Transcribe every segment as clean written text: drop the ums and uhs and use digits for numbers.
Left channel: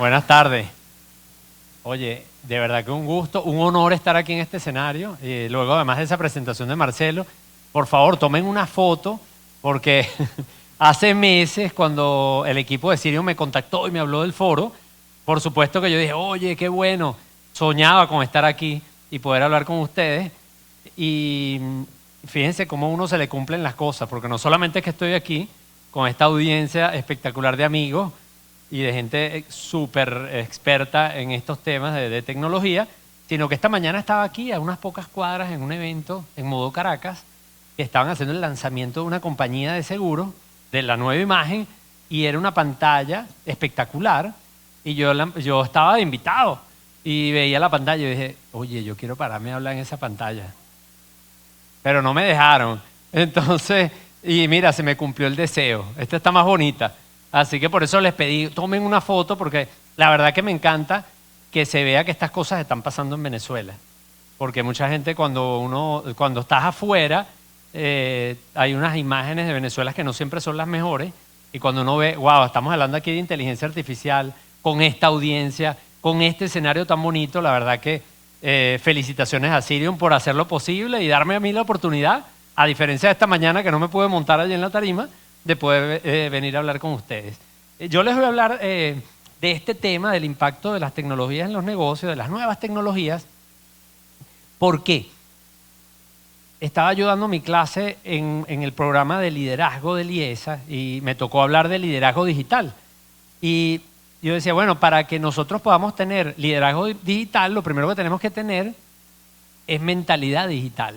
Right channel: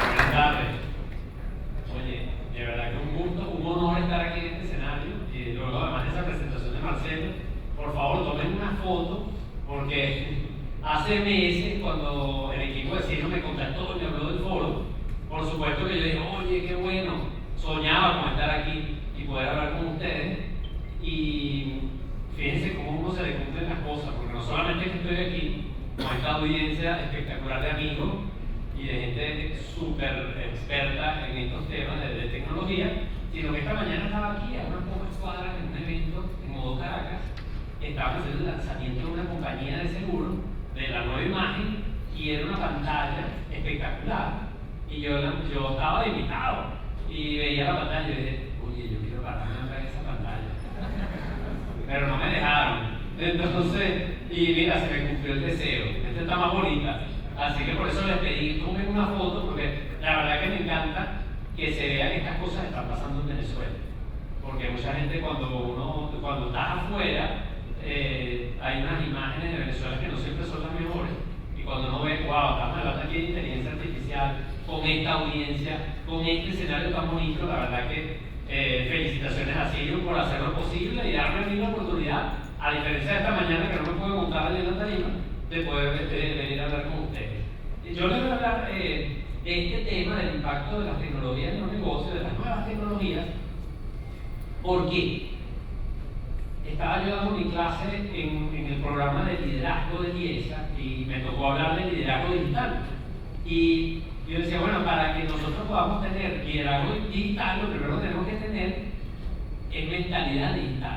Buenas tardes. Oye, de verdad que un gusto, un honor estar aquí en este escenario. Y luego, además de esa presentación de Marcelo, por favor, tomen una foto, porque hace meses, cuando el equipo de Sirium me contactó y me habló del foro, por supuesto que yo dije, oye, qué bueno, soñaba con estar aquí y poder hablar con ustedes. Y fíjense cómo a uno se le cumplen las cosas, porque no solamente es que estoy aquí con esta audiencia espectacular de amigos y de gente súper experta en estos temas de tecnología, sino que esta mañana estaba aquí a unas pocas cuadras en un evento en Modo Caracas, que estaban haciendo el lanzamiento de una compañía de seguros, de la nueva imagen, y era una pantalla espectacular, y yo estaba de invitado, y veía la pantalla y dije, oye, yo quiero pararme a hablar en esa pantalla. Pero no me dejaron. Entonces, y mira, se me cumplió el deseo. Esta está más bonita. Así que por eso les pedí, tomen una foto, porque la verdad que me encanta que se vea que estas cosas están pasando en Venezuela. Porque mucha gente cuando estás afuera, hay unas imágenes de Venezuela que no siempre son las mejores. Y cuando uno ve, wow, estamos hablando aquí de inteligencia artificial, con esta audiencia, con este escenario tan bonito, la verdad que felicitaciones a Sirium por hacer lo posible y darme a mí la oportunidad, a diferencia de esta mañana que no me pude montar allí en la tarima, de poder venir a hablar con ustedes. Yo les voy a hablar de este tema, del impacto de las tecnologías en los negocios, de las nuevas tecnologías. ¿Por qué? Estaba ayudando mi clase en el programa de liderazgo de IESA y me tocó hablar de liderazgo digital. Y yo decía, bueno, para que nosotros podamos tener liderazgo digital, lo primero que tenemos que tener es mentalidad digital.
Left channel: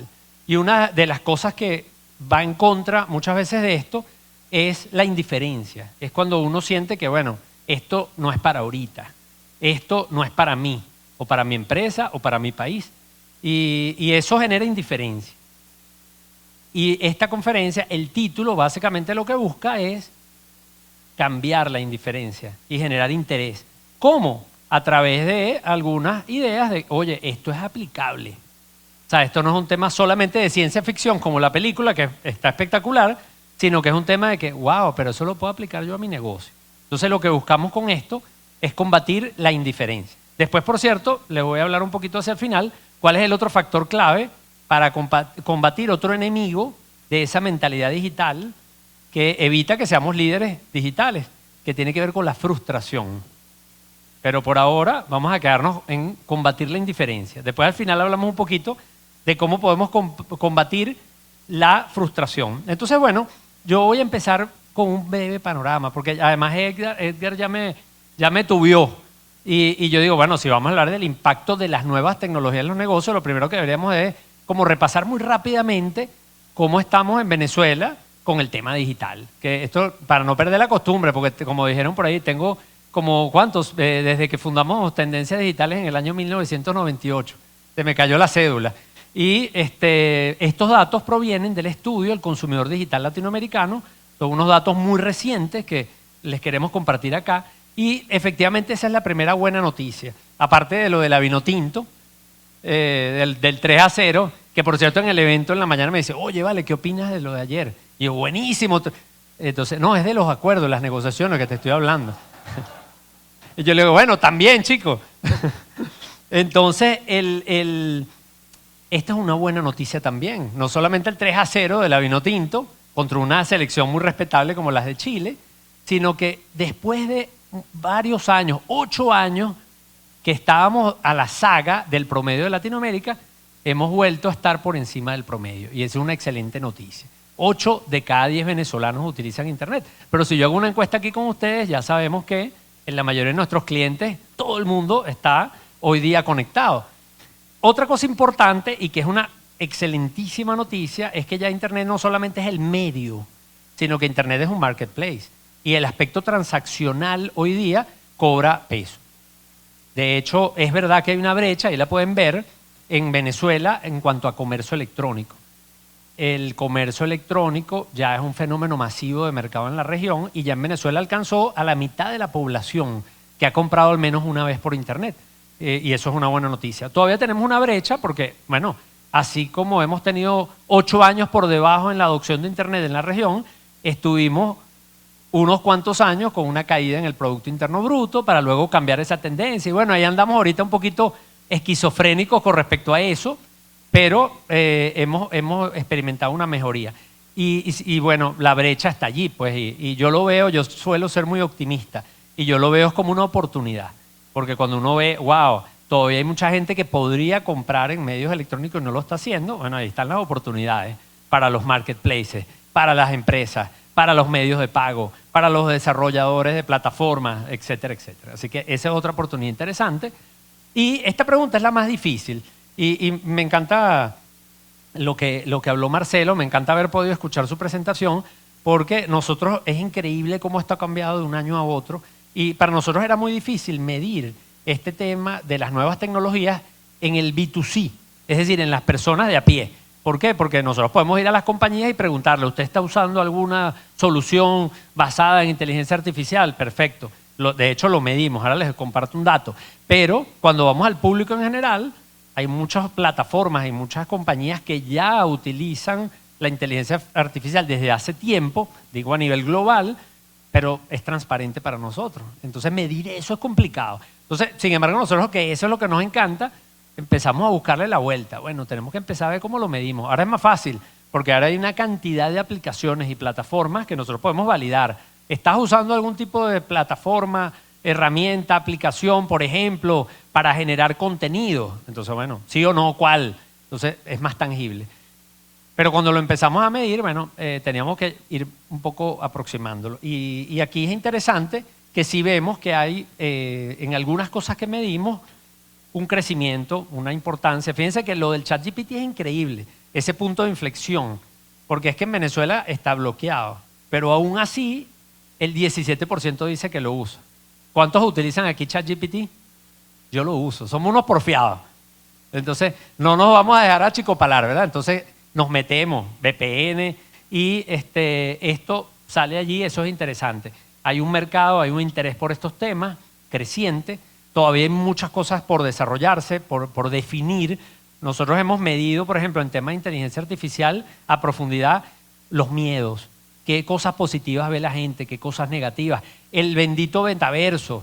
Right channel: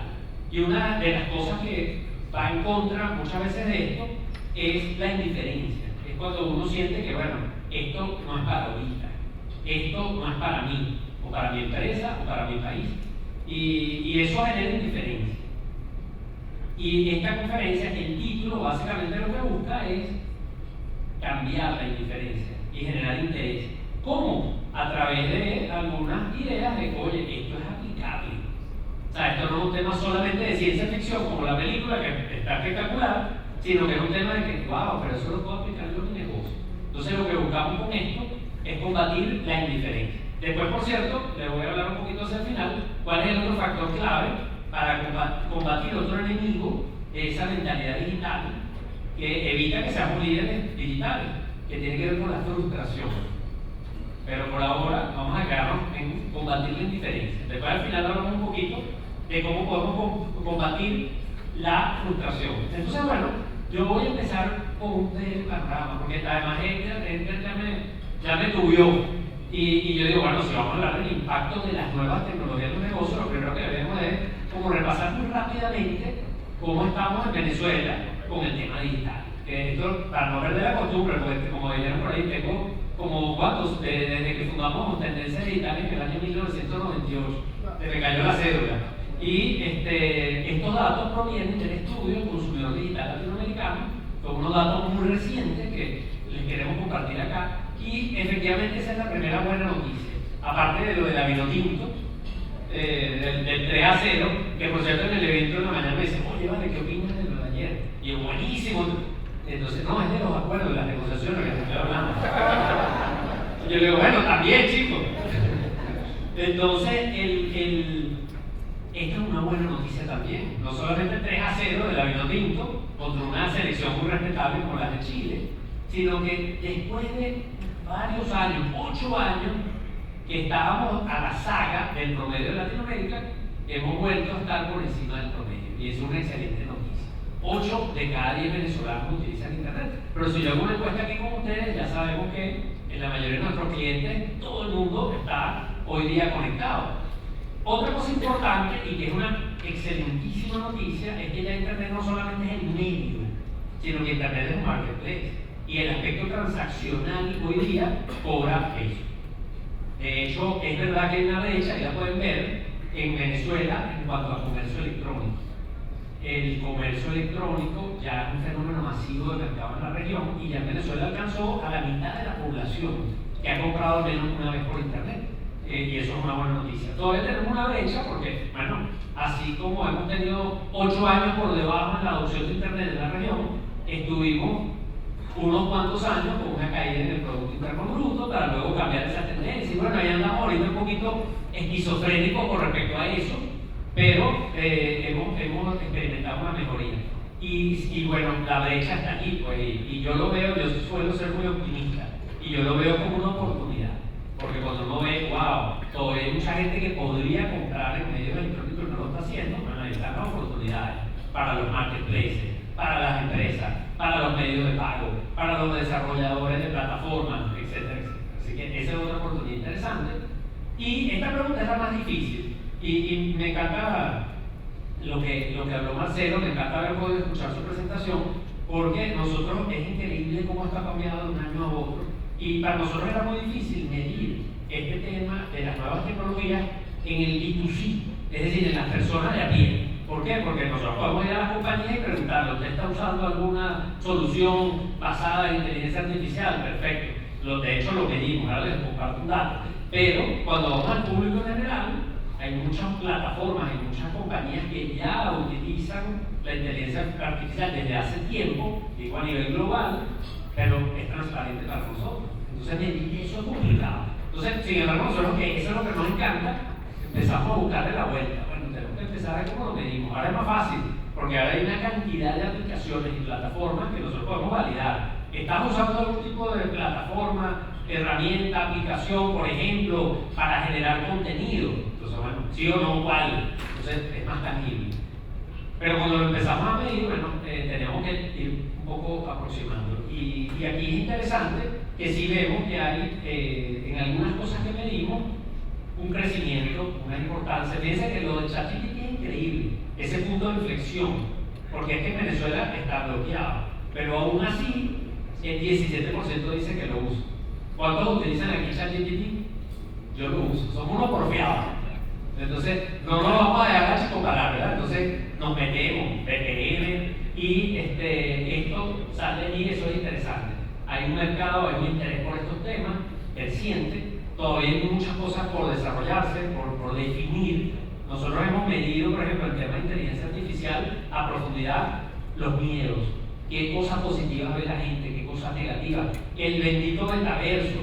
Y una de las cosas que va en contra muchas veces de esto es la indiferencia. Es cuando uno siente que, bueno, esto no es para ahorita, esto no es para mí, o para mi empresa, o para mi país. Y eso genera indiferencia. Y esta conferencia, el título, básicamente lo que busca es cambiar la indiferencia y generar interés. ¿Cómo? A través de algunas ideas de, oye, esto es aplicable. O sea, esto no es un tema solamente de ciencia ficción como la película, que está espectacular, sino que es un tema de que, wow, pero eso lo puedo aplicar yo a mi negocio. Entonces lo que buscamos con esto es combatir la indiferencia. Después, por cierto, les voy a hablar un poquito hacia el final, cuál es el otro factor clave para combatir otro enemigo de esa mentalidad digital que evita que seamos líderes digitales, que tiene que ver con la frustración. Pero por ahora vamos a quedarnos en combatir la indiferencia. Después al final hablamos un poquito de cómo podemos combatir la frustración. Entonces, bueno, yo voy a empezar con un breve panorama, porque además Edgar ya me tubió. Y yo digo, bueno, si vamos a hablar del impacto de las nuevas tecnologías en los negocios, lo primero que deberíamos es como repasar muy rápidamente cómo estamos en Venezuela con el tema digital. Que esto, para no perder la costumbre, porque como dijeron por ahí, tengo como, ¿cuántos? Desde que fundamos Tendencias Digitales en el año 1998. Se me cayó la cédula. Y estos datos provienen del estudio del consumidor digital latinoamericano. Son unos datos muy recientes que les queremos compartir acá. Y efectivamente esa es la primera buena noticia. Aparte de lo de la Vinotinto, del 3-0, que por cierto en el evento en la mañana me dice, oye, vale, ¿qué opinas de lo de ayer? Y yo, buenísimo. Entonces, no, es de los acuerdos, las negociaciones que te estoy hablando. Y yo le digo, bueno, también, chicos. Entonces, esta es una buena noticia también. No solamente el 3-0 de la Vinotinto contra una selección muy respetable como las de Chile, sino que después de varios años, 8 años, que estábamos a la saga del promedio de Latinoamérica, hemos vuelto a estar por encima del promedio. Y esa es una excelente noticia. 8 de cada 10 venezolanos utilizan Internet. Pero si yo hago una encuesta aquí con ustedes, ya sabemos que en la mayoría de nuestros clientes, todo el mundo está hoy día conectado. Otra cosa importante, y que es una excelentísima noticia, es que ya Internet no solamente es el medio, sino que Internet es un marketplace. Y el aspecto transaccional hoy día cobra peso. De hecho, es verdad que hay una brecha, ahí la pueden ver, en Venezuela en cuanto a comercio electrónico. El comercio electrónico ya es un fenómeno masivo de mercado en la región y ya en Venezuela alcanzó a la mitad de la población que ha comprado al menos una vez por Internet. Y eso es una buena noticia. Todavía tenemos una brecha porque, bueno, así como hemos tenido 8 años por debajo en la adopción de Internet en la región, estuvimos unos cuantos años con una caída en el Producto Interno Bruto para luego cambiar esa tendencia. Y bueno, ahí andamos ahorita un poquito esquizofrénicos con respecto a eso, pero hemos experimentado una mejoría. Y bueno, la brecha está allí, pues, y yo lo veo, yo suelo ser muy optimista, y yo lo veo como una oportunidad. Porque cuando uno ve, wow, todavía hay mucha gente que podría comprar en medios electrónicos y no lo está haciendo, bueno, ahí están las oportunidades para los marketplaces, para las empresas, para los medios de pago, para los desarrolladores de plataformas, etcétera, etcétera. Así que esa es otra oportunidad interesante. Y esta pregunta es la más difícil. Y me encanta lo que habló Marcelo, me encanta haber podido escuchar su presentación, porque nosotros, es increíble cómo esto ha cambiado de un año a otro. Y para nosotros era muy difícil medir este tema de las nuevas tecnologías en el B2C, es decir, en las personas de a pie. ¿Por qué? Porque nosotros podemos ir a las compañías y preguntarle, ¿usted está usando alguna solución basada en inteligencia artificial? Perfecto. De hecho, lo medimos. Ahora les comparto un dato. Pero cuando vamos al público en general, hay muchas plataformas y muchas compañías que ya utilizan la inteligencia artificial desde hace tiempo, digo a nivel global, pero es transparente para nosotros. Entonces medir eso es complicado. Entonces, sin embargo, nosotros, que eso es lo que nos encanta, empezamos a buscarle la vuelta. Bueno, tenemos que empezar a ver cómo lo medimos. Ahora es más fácil, porque ahora hay una cantidad de aplicaciones y plataformas que nosotros podemos validar. ¿Estás usando algún tipo de plataforma, herramienta, aplicación, por ejemplo, para generar contenido? Entonces, bueno, sí o no, ¿cuál? Entonces es más tangible. Pero cuando lo empezamos a medir, bueno, teníamos que ir un poco aproximándolo. Y aquí es interesante que sí vemos que hay en algunas cosas que medimos un crecimiento, una importancia. Fíjense que lo del ChatGPT es increíble, ese punto de inflexión, porque es que en Venezuela está bloqueado, pero aún así el 17% dice que lo usa. ¿Cuántos utilizan aquí ChatGPT? Yo lo uso, somos unos porfiados. Entonces, no nos vamos a dejar achicopalar, ¿verdad? Entonces, nos metemos, VPN, y esto sale allí, eso es interesante. Hay un mercado, hay un interés por estos temas creciente, todavía hay muchas cosas por desarrollarse, por definir. Nosotros hemos medido, por ejemplo, en temas de inteligencia artificial, a profundidad, los miedos. ¿Qué cosas positivas ve la gente? ¿Qué cosas negativas? El bendito metaverso.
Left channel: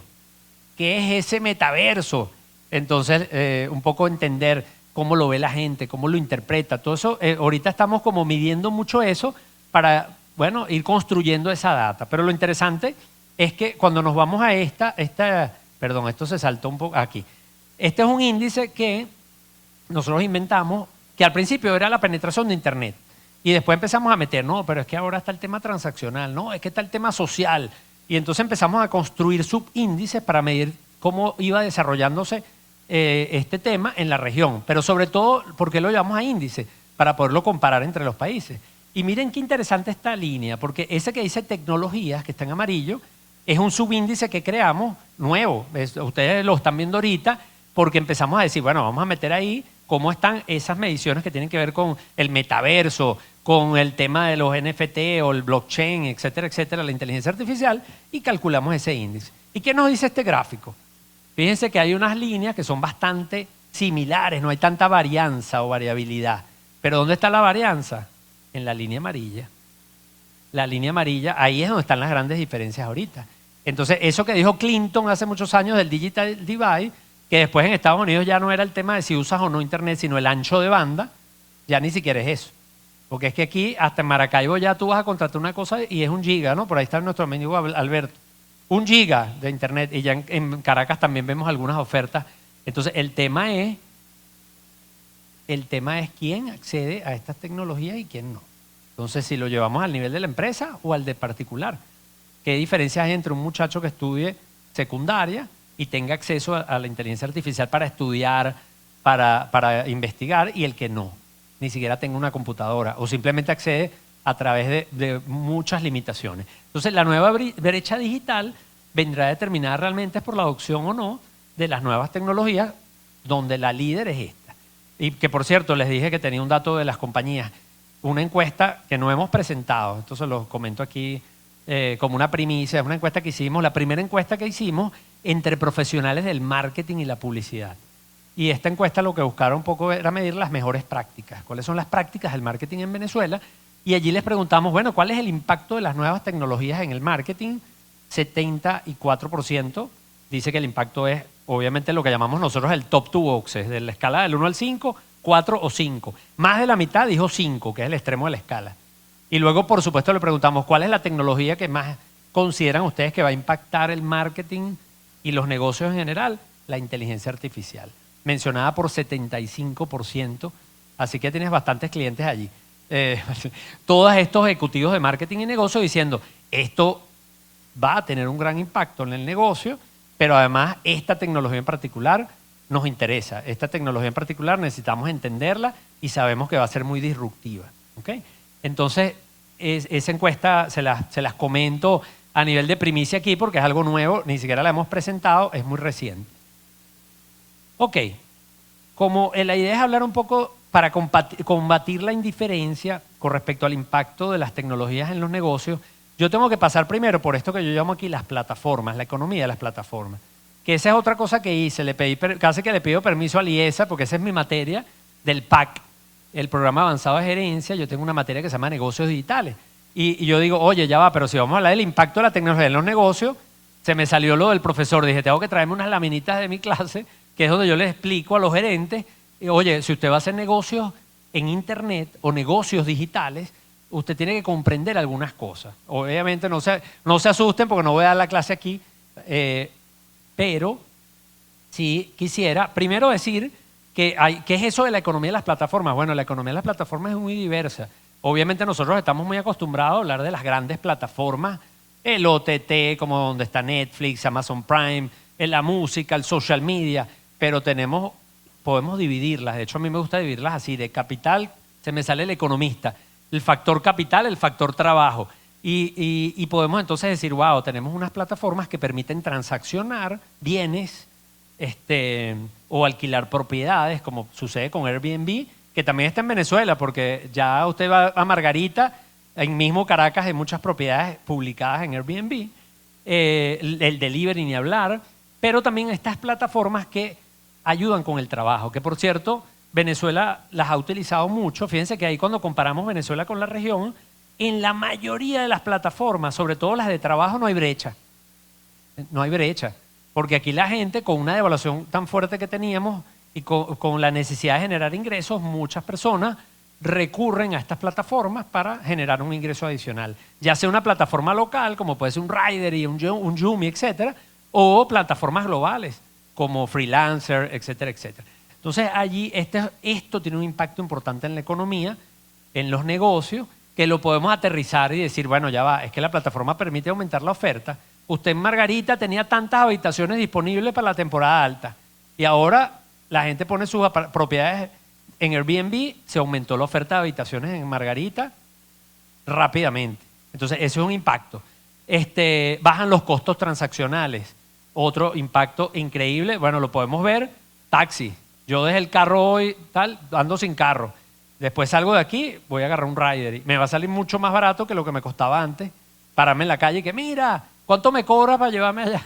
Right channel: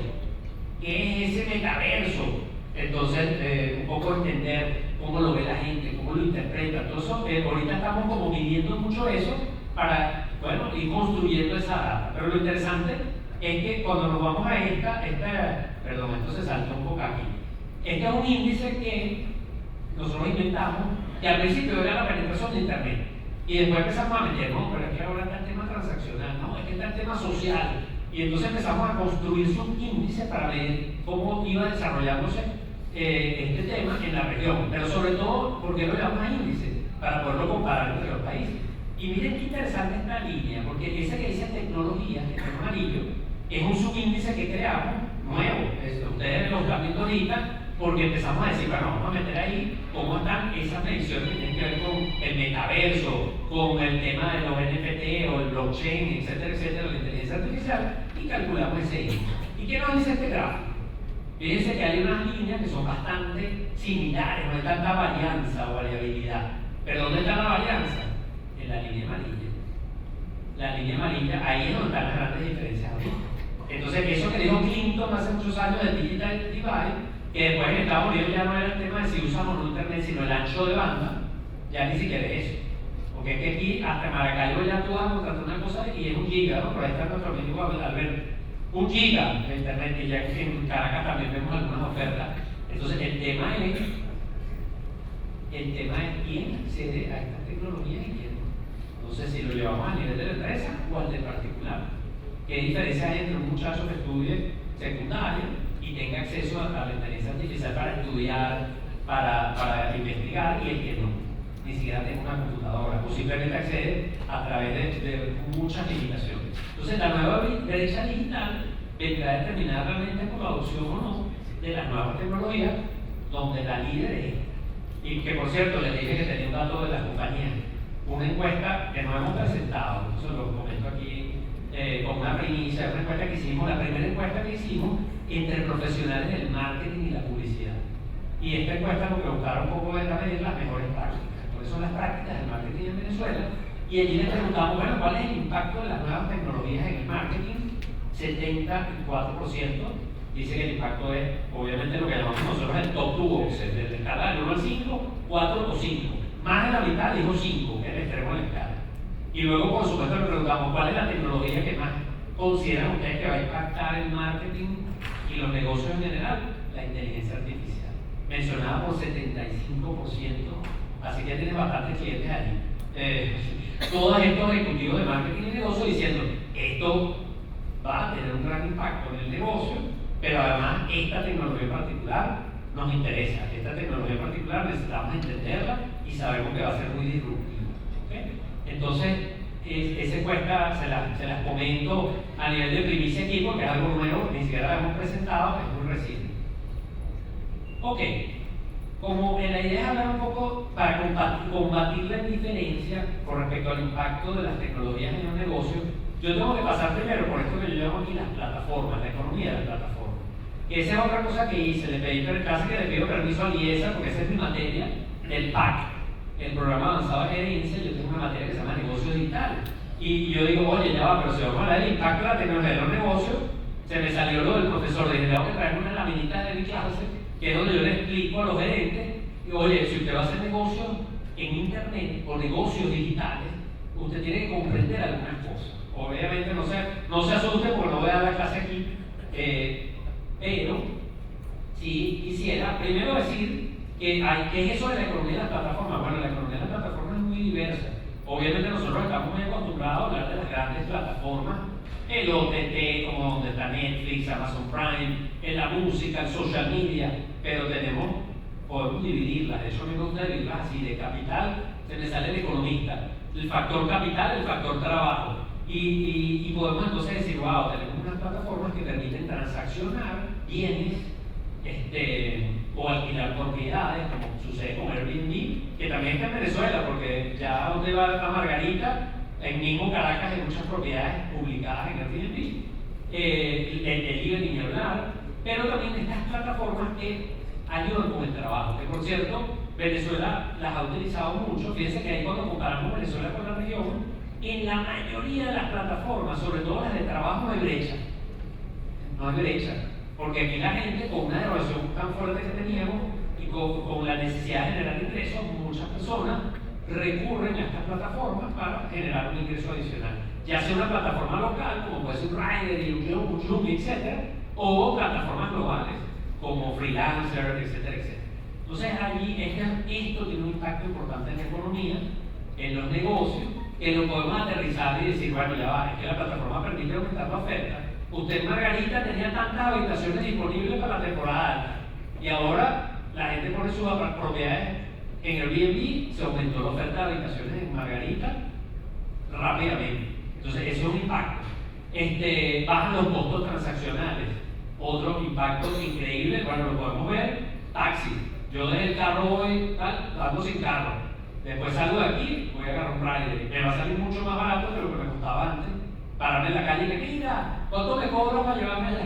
¿Qué es ese metaverso? Entonces, un poco entender cómo lo ve la gente, cómo lo interpreta, todo eso. Ahorita estamos como midiendo mucho eso para, bueno, ir construyendo esa data. Pero lo interesante es que cuando nos vamos a perdón, esto se saltó un poco aquí. Este es un índice que nosotros inventamos, que al principio era la penetración de Internet. Y después empezamos a meter, no, pero es que ahora está el tema transaccional, no, es que está el tema social. Y entonces empezamos a construir subíndices para medir cómo iba desarrollándose este tema en la región. Pero sobre todo, ¿por qué lo llevamos a índice? Para poderlo comparar entre los países. Y miren qué interesante esta línea, porque ese que dice tecnologías, que está en amarillo, es un subíndice que creamos nuevo. Ustedes lo están viendo ahorita, porque empezamos a decir, bueno, vamos a meter ahí cómo están esas mediciones que tienen que ver con el metaverso, con el tema de los NFT o el blockchain, etcétera, etcétera, la inteligencia artificial, y calculamos ese índice. ¿Y qué nos dice este gráfico? Fíjense que hay unas líneas que son bastante similares, no hay tanta varianza o variabilidad. ¿Pero dónde está la varianza? En la línea amarilla. La línea amarilla, ahí es donde están las grandes diferencias ahorita. Entonces, eso que dijo Clinton hace muchos años del Digital Divide, que después en Estados Unidos ya no era el tema de si usas o no internet, sino el ancho de banda, ya ni siquiera es eso. Porque es que aquí, hasta en Maracaibo, ya tú vas a contratar una cosa y es 1 giga, ¿no? Por ahí está nuestro amigo Alberto. 1 giga de internet, y ya en Caracas también vemos algunas ofertas. Entonces, el tema es quién accede a estas tecnologías y quién no. Entonces, si lo llevamos al nivel de la empresa o al de particular. ¿Qué diferencia hay entre un muchacho que estudie secundaria y tenga acceso a la inteligencia artificial para estudiar, para investigar, y el que no, ni siquiera tenga una computadora o simplemente accede a través de muchas limitaciones? Entonces, la nueva brecha digital vendrá determinada realmente por la adopción o no de las nuevas tecnologías, donde la líder es esta. Y que, por cierto, les dije que tenía un dato de las compañías, una encuesta que no hemos presentado, entonces lo comento aquí como una primicia, una encuesta que hicimos, la primera encuesta que hicimos entre profesionales del marketing y la publicidad. Y esta encuesta lo que buscaron un poco era medir las mejores prácticas. ¿Cuáles son las prácticas del marketing en Venezuela? y allí les preguntamos, bueno, ¿cuál es el impacto de las nuevas tecnologías en el marketing? 74% dice que el impacto es, obviamente, lo que llamamos nosotros el top two boxes, de la escala del 1 al 5, 4 o 5. Más de la mitad dijo 5, que es el extremo de la escala. Y luego, por supuesto, le preguntamos, ¿cuál es la tecnología que más consideran ustedes que va a impactar el marketing y los negocios en general? La inteligencia artificial, mencionada por 75%, así que tienes bastantes clientes allí. Todos estos ejecutivos de marketing y negocio diciendo, esto va a tener un gran impacto en el negocio, pero además esta tecnología en particular nos interesa. Esta tecnología en particular necesitamos entenderla y sabemos que va a ser muy disruptiva. ¿Okay? Entonces, esa encuesta se las comento a nivel de primicia aquí porque es algo nuevo, ni siquiera la hemos presentado, es muy reciente. Ok, como la idea es hablar un poco para combatir la indiferencia con respecto al impacto de las tecnologías en los negocios, yo tengo que pasar primero por esto que yo llamo aquí las plataformas, la economía de las plataformas. Que esa es otra cosa que hice, casi que le pido permiso a Liesa, porque esa es mi materia del PAC, el Programa Avanzado de Gerencia. Yo tengo una materia que se llama Negocios Digitales. Y yo digo, oye, ya va, pero si vamos a hablar del impacto de la tecnología en los negocios, se me salió lo del profesor. Dije, tengo que traerme unas laminitas de mi clase, que es donde yo les explico a los gerentes, oye, si usted va a hacer negocios en internet o negocios digitales, usted tiene que comprender algunas cosas. Obviamente no se asusten porque no voy a dar la clase aquí, pero sí quisiera primero decir ¿qué es eso de la economía de las plataformas? Bueno, la economía de las plataformas es muy diversa. Obviamente nosotros estamos muy acostumbrados a hablar de las grandes plataformas, el OTT, como donde está Netflix, Amazon Prime, en la música, el social media, pero podemos dividirlas. De hecho, a mí me gusta dividirlas así, de capital, se me sale el economista, el factor capital, el factor trabajo. Y podemos entonces decir, wow, tenemos unas plataformas que permiten transaccionar bienes o alquilar propiedades, como sucede con Airbnb, que también está en Venezuela, porque ya usted va a Margarita, en mismo Caracas hay muchas propiedades publicadas en Airbnb, el delivery ni hablar, pero también estas plataformas que ayudan con el trabajo, que por cierto, Venezuela las ha utilizado mucho. Fíjense que ahí cuando comparamos Venezuela con la región, en la mayoría de las plataformas, sobre todo las de trabajo, no hay brecha. No hay brecha. Porque aquí la gente, con una devaluación tan fuerte que teníamos y con la necesidad de generar ingresos, muchas personas recurren a estas plataformas para generar un ingreso adicional. Ya sea una plataforma local, como puede ser un Rider, un Yumi, etcétera, o plataformas globales, como Freelancer, etcétera, etcétera. Entonces allí esto tiene un impacto importante en la economía, en los negocios, que lo podemos aterrizar y decir, bueno, ya va, es que la plataforma permite aumentar la oferta. Usted en Margarita tenía tantas habitaciones disponibles para la temporada alta y ahora la gente pone sus propiedades en Airbnb, se aumentó la oferta de habitaciones en Margarita rápidamente. Entonces ese es un impacto. Bajan los costos transaccionales. Otro impacto increíble, bueno, lo podemos ver, taxi. Yo dejé el carro hoy, ando sin carro. Después salgo de aquí, voy a agarrar un rider. Me va a salir mucho más barato que lo que me costaba antes. Pararme en la calle y que mira, ¿cuánto me cobras para llevarme allá?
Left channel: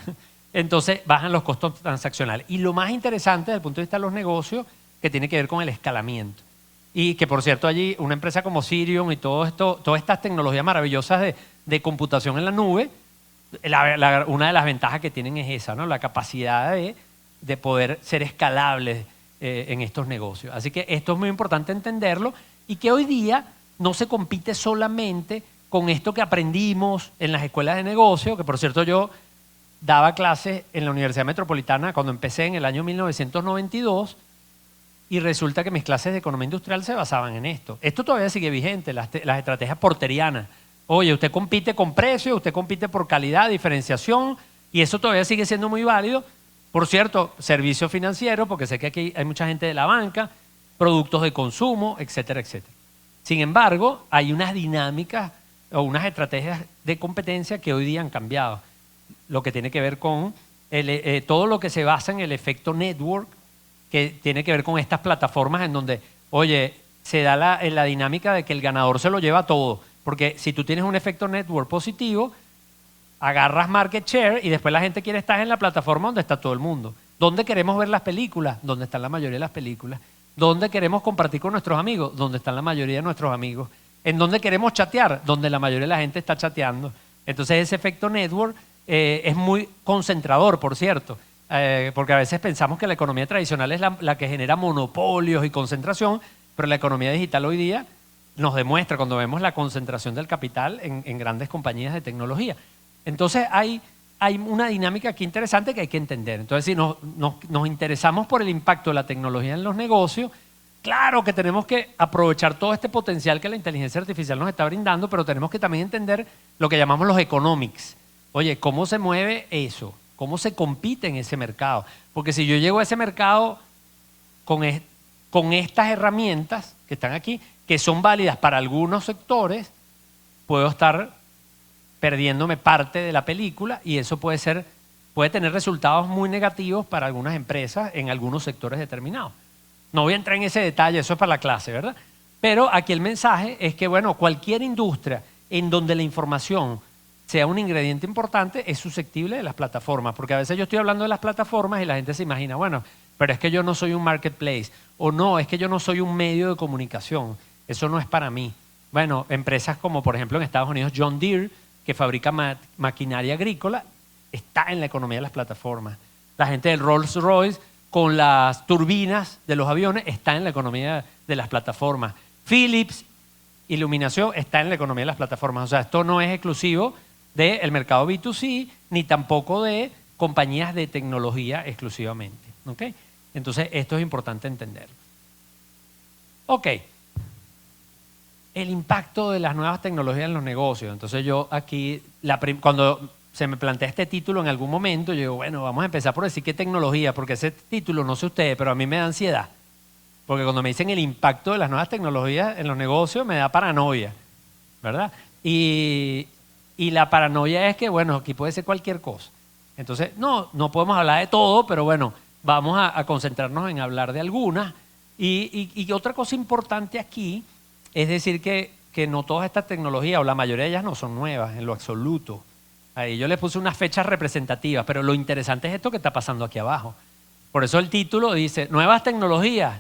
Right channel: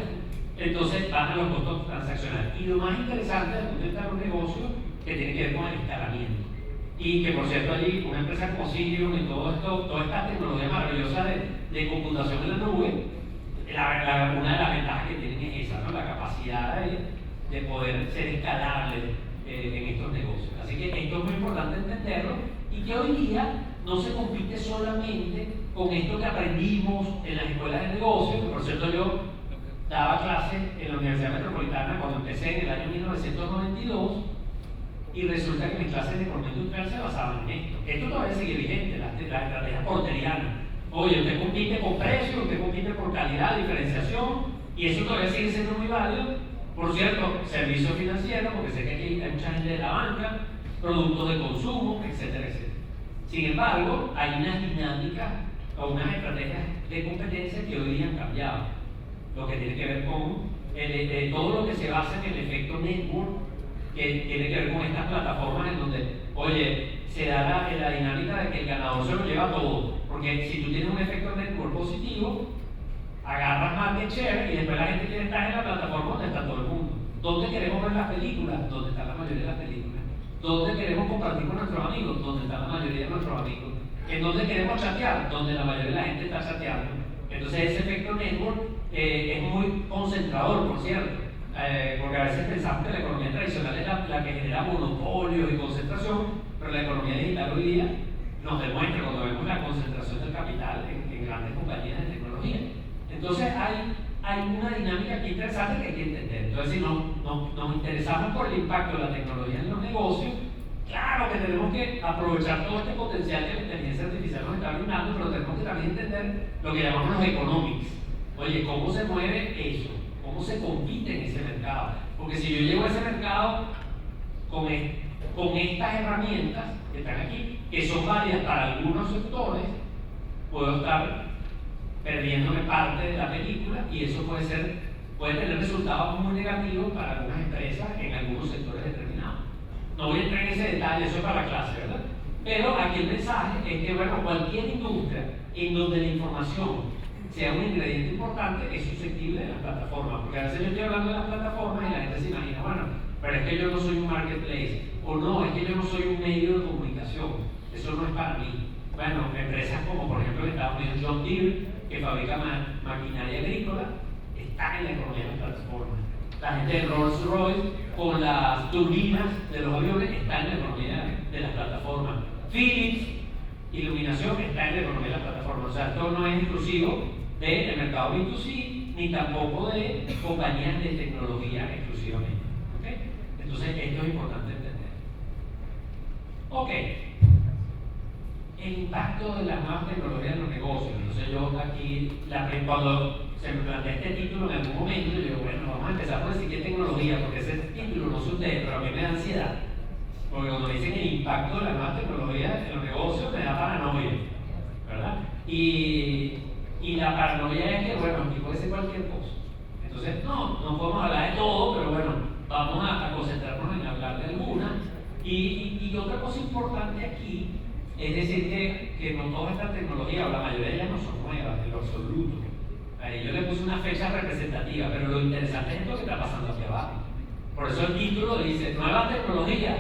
Entonces bajan los costos transaccionales. Y lo más interesante desde el punto de vista de los negocios, que tiene que ver con el escalamiento. Y que por cierto allí una empresa como Sirion y todo esto, todas estas tecnologías maravillosas de computación en la nube, una de las ventajas que tienen es esa, ¿no? La capacidad de poder ser escalables en estos negocios. Así que esto es muy importante entenderlo y que hoy día no se compite solamente con esto que aprendimos en las escuelas de negocio, que por cierto yo daba clases en la Universidad Metropolitana cuando empecé en el año 1992 y resulta que mis clases de economía industrial se basaban en esto. Esto todavía sigue vigente, las estrategias porterianas. Oye, usted compite con precio, usted compite por calidad, diferenciación, y eso todavía sigue siendo muy válido. Por cierto, servicios financieros, porque sé que aquí hay mucha gente de la banca, productos de consumo, etcétera, etcétera. Sin embargo, hay unas dinámicas o unas estrategias de competencia que hoy día han cambiado. Lo que tiene que ver con todo lo que se basa en el efecto network, que tiene que ver con estas plataformas en donde, oye, se da la dinámica de que el ganador se lo lleva todo. Porque si tú tienes un efecto network positivo, agarras market share y después la gente quiere estar en la plataforma donde está todo el mundo. ¿Dónde queremos ver las películas? Donde están la mayoría de las películas. ¿Dónde queremos compartir con nuestros amigos? Donde están la mayoría de nuestros amigos. ¿En dónde queremos chatear? Donde la mayoría de la gente está chateando. Entonces ese efecto network es muy concentrador, por cierto, porque a veces pensamos que la economía tradicional es la que genera monopolios y concentración, pero la economía digital hoy día nos demuestra cuando vemos la concentración del capital en grandes compañías de tecnología. Entonces hay una dinámica aquí interesante que hay que entender. Entonces si nos interesamos por el impacto de la tecnología en los negocios, claro que tenemos que aprovechar todo este potencial que la inteligencia artificial nos está brindando, pero tenemos que también entender lo que llamamos los economics. Oye, ¿cómo se mueve eso? ¿Cómo se compite en ese mercado? Porque si yo llego a ese mercado con estas herramientas que están aquí, que son válidas para algunos sectores, puedo estar perdiéndome parte de la película y eso puede tener resultados muy negativos para algunas empresas en algunos sectores determinados. No voy a entrar en ese detalle, eso es para la clase, ¿verdad? Pero aquí el mensaje es que, bueno, cualquier industria en donde la información sea un ingrediente importante es susceptible de las plataformas, porque a veces yo estoy hablando de las plataformas y la gente se imagina, bueno, pero es que yo no soy un marketplace, o no, es que yo no soy un medio de comunicación, eso no es para mí. Bueno, empresas como por ejemplo en Estados Unidos John Deere, que fabrica maquinaria agrícola, está en la economía de las plataformas. La gente de Rolls Royce con las turbinas de los aviones está en la economía de las plataformas. Philips, iluminación, está en la economía de las plataformas. O sea, esto no es exclusivo del mercado B2C ni tampoco de compañías de tecnología exclusivamente. ¿Okay? Entonces, esto es importante entender. Ok. El impacto de las nuevas tecnologías en los negocios. Entonces yo aquí, cuando se me plantea este título en algún momento, yo digo, bueno, vamos a empezar por decir qué tecnología, porque ese título, no sé ustedes, pero a mí me da ansiedad. Porque cuando me dicen el impacto de las nuevas tecnologías en los negocios, me da paranoia, ¿verdad? Y la paranoia es que, bueno, aquí puede ser cualquier cosa. Entonces, no podemos hablar de todo, pero bueno, vamos a concentrarnos en hablar de algunas. Y otra cosa importante aquí, es decir que no todas estas tecnologías, o la mayoría de ellas no son nuevas, en lo absoluto. Ahí yo le puse unas fechas representativas, pero lo interesante es esto que está pasando aquí abajo. Por eso el título dice, nuevas tecnologías.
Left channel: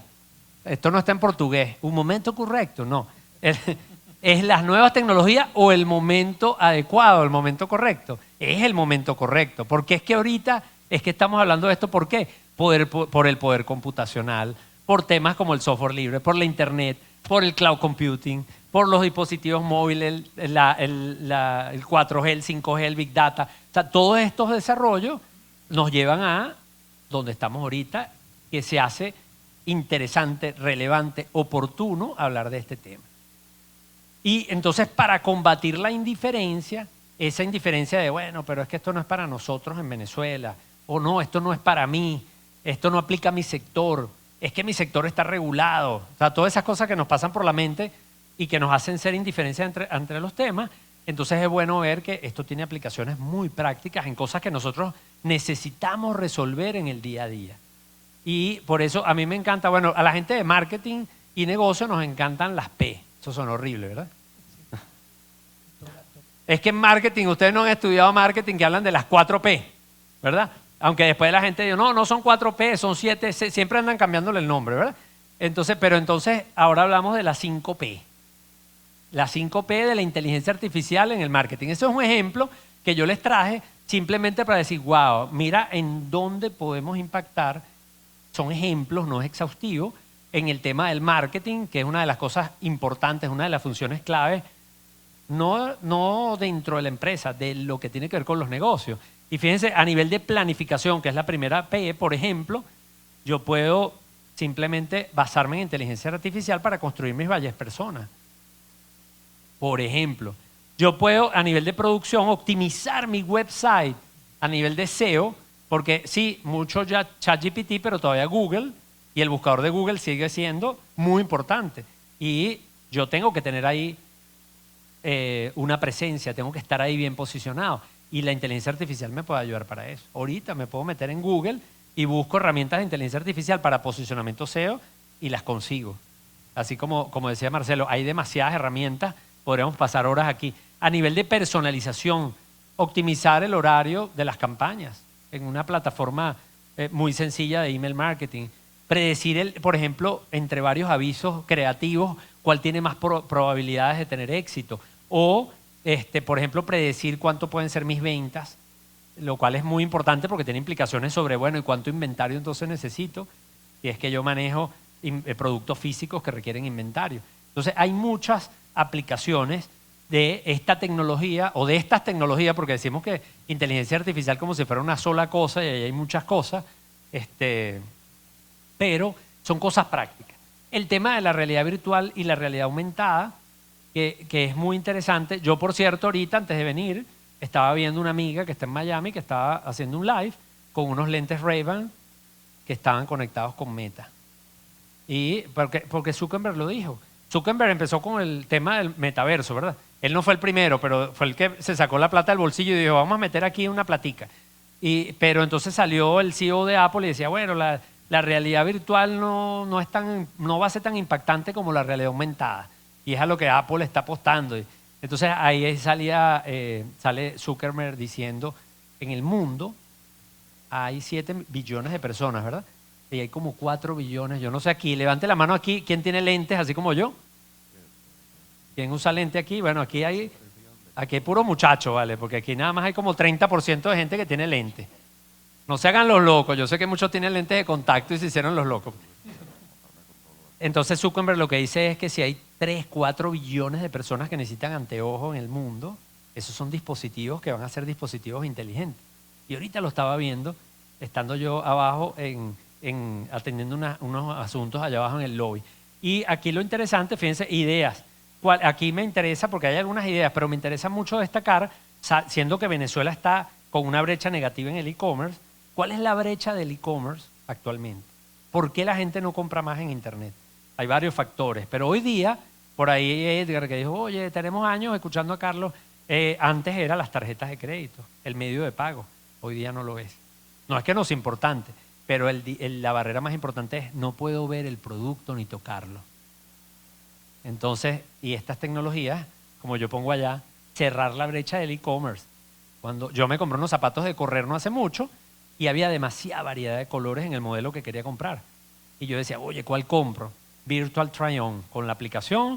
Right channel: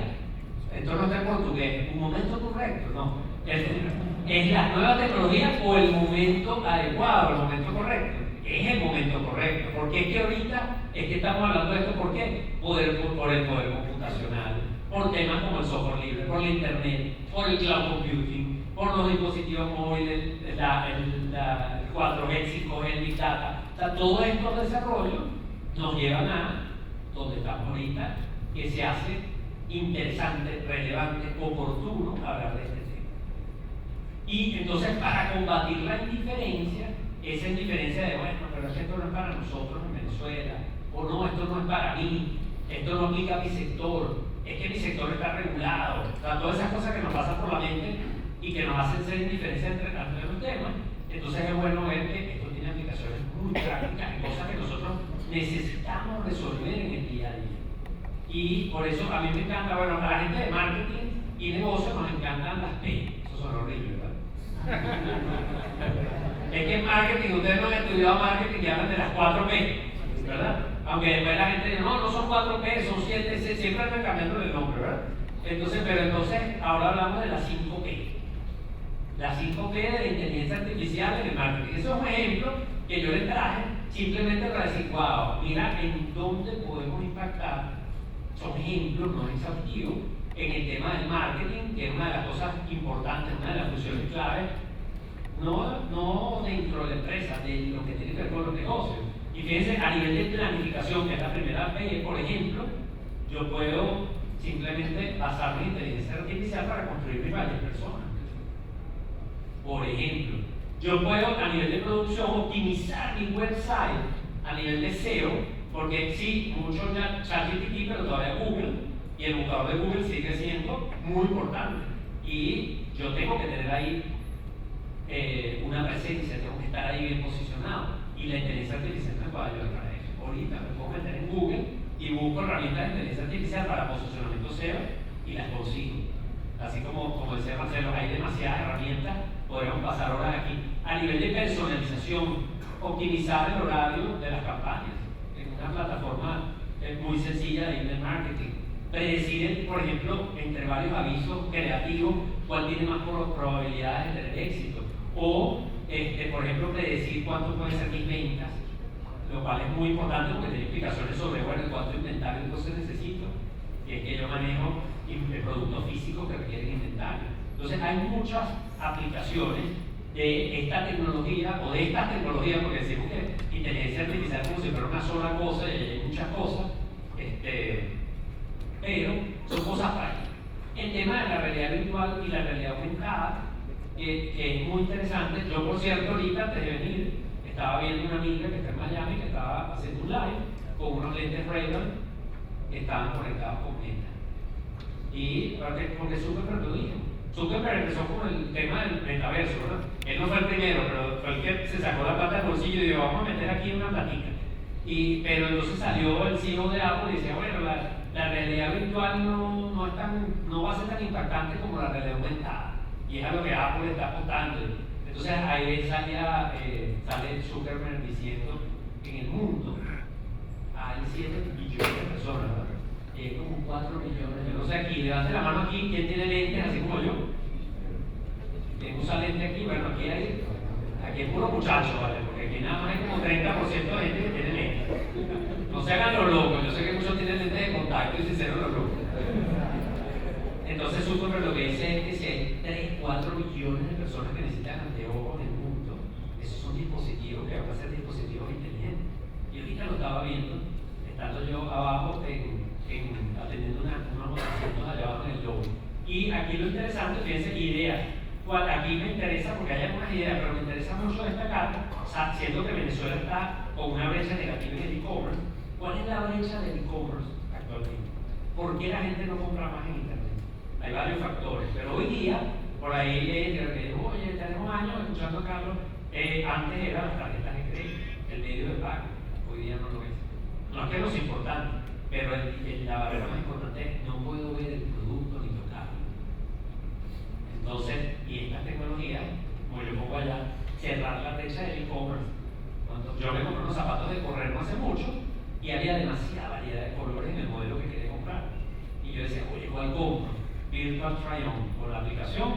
Esto no está en portugués, un momento correcto, no. Es las nuevas tecnologías o el momento adecuado, el momento correcto. Es el momento correcto, porque es que ahorita es que estamos hablando de esto, ¿por qué? Por el poder computacional, por temas como el software libre, por la internet, por el cloud computing, por los dispositivos móviles, el 4G, el 5G, el Big Data. O sea, todos estos desarrollos nos llevan a donde estamos ahorita, que se hace interesante, relevante, oportuno hablar de este tema. Y entonces para combatir la indiferencia, esa indiferencia de, bueno, pero es que esto no es para nosotros en Venezuela, o no, esto no es para mí, esto no aplica a mi sector, es que mi sector está regulado, o sea, todas esas cosas que nos pasan por la mente y que nos hacen ser indiferencia entre los temas. Entonces es bueno ver que esto tiene aplicaciones muy prácticas en cosas que nosotros necesitamos resolver en el día a día. Y por eso a mí me encanta, bueno, a la gente de marketing y negocio nos encantan las P. Eso son horribles, ¿verdad? Es que en marketing, ustedes no han estudiado marketing, que hablan de las 4P, ¿verdad? Aunque después la gente dice, no son 4P, son 7, siempre andan cambiándole el nombre, ¿verdad? Entonces, pero entonces ahora hablamos de las 5P. La 5P de la inteligencia artificial en el marketing. Eso es un ejemplo que yo les traje simplemente para decir, wow, mira en dónde podemos impactar. Son ejemplos, no es exhaustivo, en el tema del marketing, que es una de las cosas importantes, una de las funciones claves, no dentro de la empresa, de lo que tiene que ver con los negocios. Y fíjense, a nivel de planificación, que es la primera P, por ejemplo, yo puedo simplemente basarme en inteligencia artificial para construir mis valles personas. Por ejemplo, yo puedo a nivel de producción optimizar mi website a nivel de SEO, porque sí, mucho ya ChatGPT, pero todavía Google, y el buscador de Google sigue siendo muy importante. Y yo tengo que tener ahí una presencia, tengo que estar ahí bien posicionado. Y la inteligencia artificial me puede ayudar para eso. Ahorita me puedo meter en Google y busco herramientas de inteligencia artificial para posicionamiento SEO y las consigo. Así como decía Marcelo, hay demasiadas herramientas, podríamos pasar horas aquí. A nivel de personalización, optimizar el horario de las campañas en una plataforma muy sencilla de email marketing. predecir, por ejemplo, entre varios avisos creativos, cuál tiene más probabilidades de tener éxito. O, por ejemplo, predecir cuánto pueden ser mis ventas, lo cual es muy importante porque tiene implicaciones sobre, bueno, ¿y cuánto inventario entonces necesito? Y es que yo manejo productos físicos que requieren inventario. Entonces, hay muchas aplicaciones de esta tecnología o de estas tecnologías, porque decimos que inteligencia artificial como si fuera una sola cosa y ahí hay muchas cosas, pero son cosas prácticas. El tema de la realidad virtual y la realidad aumentada, que es muy interesante. Yo, por cierto, ahorita antes de venir, estaba viendo una amiga que está en Miami que estaba haciendo un live con unos lentes Ray-Ban que estaban conectados con Meta. Y porque Zuckerberg lo dijo. Zuckerberg empezó con el tema del metaverso, ¿verdad? Él no fue el primero, pero fue el que se sacó la plata del bolsillo y dijo, vamos a meter aquí una platica. Pero entonces salió el CEO de Apple y decía, bueno, la realidad virtual no va a ser tan impactante como la realidad aumentada. Y es a lo que Apple está apostando. Entonces ahí sale Zuckerberg diciendo, en el mundo hay 7 billones de personas, ¿verdad? Y hay como 4 billones, yo no sé aquí, levante la mano aquí, ¿quién tiene lentes así como yo? ¿Quién usa lente aquí? Bueno, aquí hay puro muchacho, ¿vale? Porque aquí nada más hay como 30% de gente que tiene lentes. No se hagan los locos, yo sé que muchos tienen lentes de contacto y se hicieron los locos. Entonces Zuckerberg lo que dice es que si hay 3, 4 billones de personas que necesitan anteojos en el mundo, esos son dispositivos que van a ser dispositivos inteligentes. Y ahorita lo estaba viendo, estando yo abajo atendiendo unos asuntos allá abajo en el lobby. Y aquí lo interesante, fíjense, ideas. Aquí me interesa, porque hay algunas ideas, pero me interesa mucho destacar, siendo que Venezuela está con una brecha negativa en el e-commerce, ¿cuál es la brecha del e-commerce actualmente? ¿Por qué la gente no compra más en internet? Hay varios factores, pero hoy día, por ahí Edgar que dijo, oye, tenemos años escuchando a Carlos, antes eran las tarjetas de crédito, el medio de pago, hoy día no lo es. No es que no sea importante, pero la barrera más importante es no puedo ver el producto ni tocarlo. Entonces, y estas tecnologías, como yo pongo allá, cerrar la brecha del e-commerce. Cuando yo me compré unos zapatos de correr no hace mucho y había demasiada variedad de colores en el modelo que quería comprar. Y yo decía, oye, ¿cuál compro? Virtual Try-On. Con la aplicación,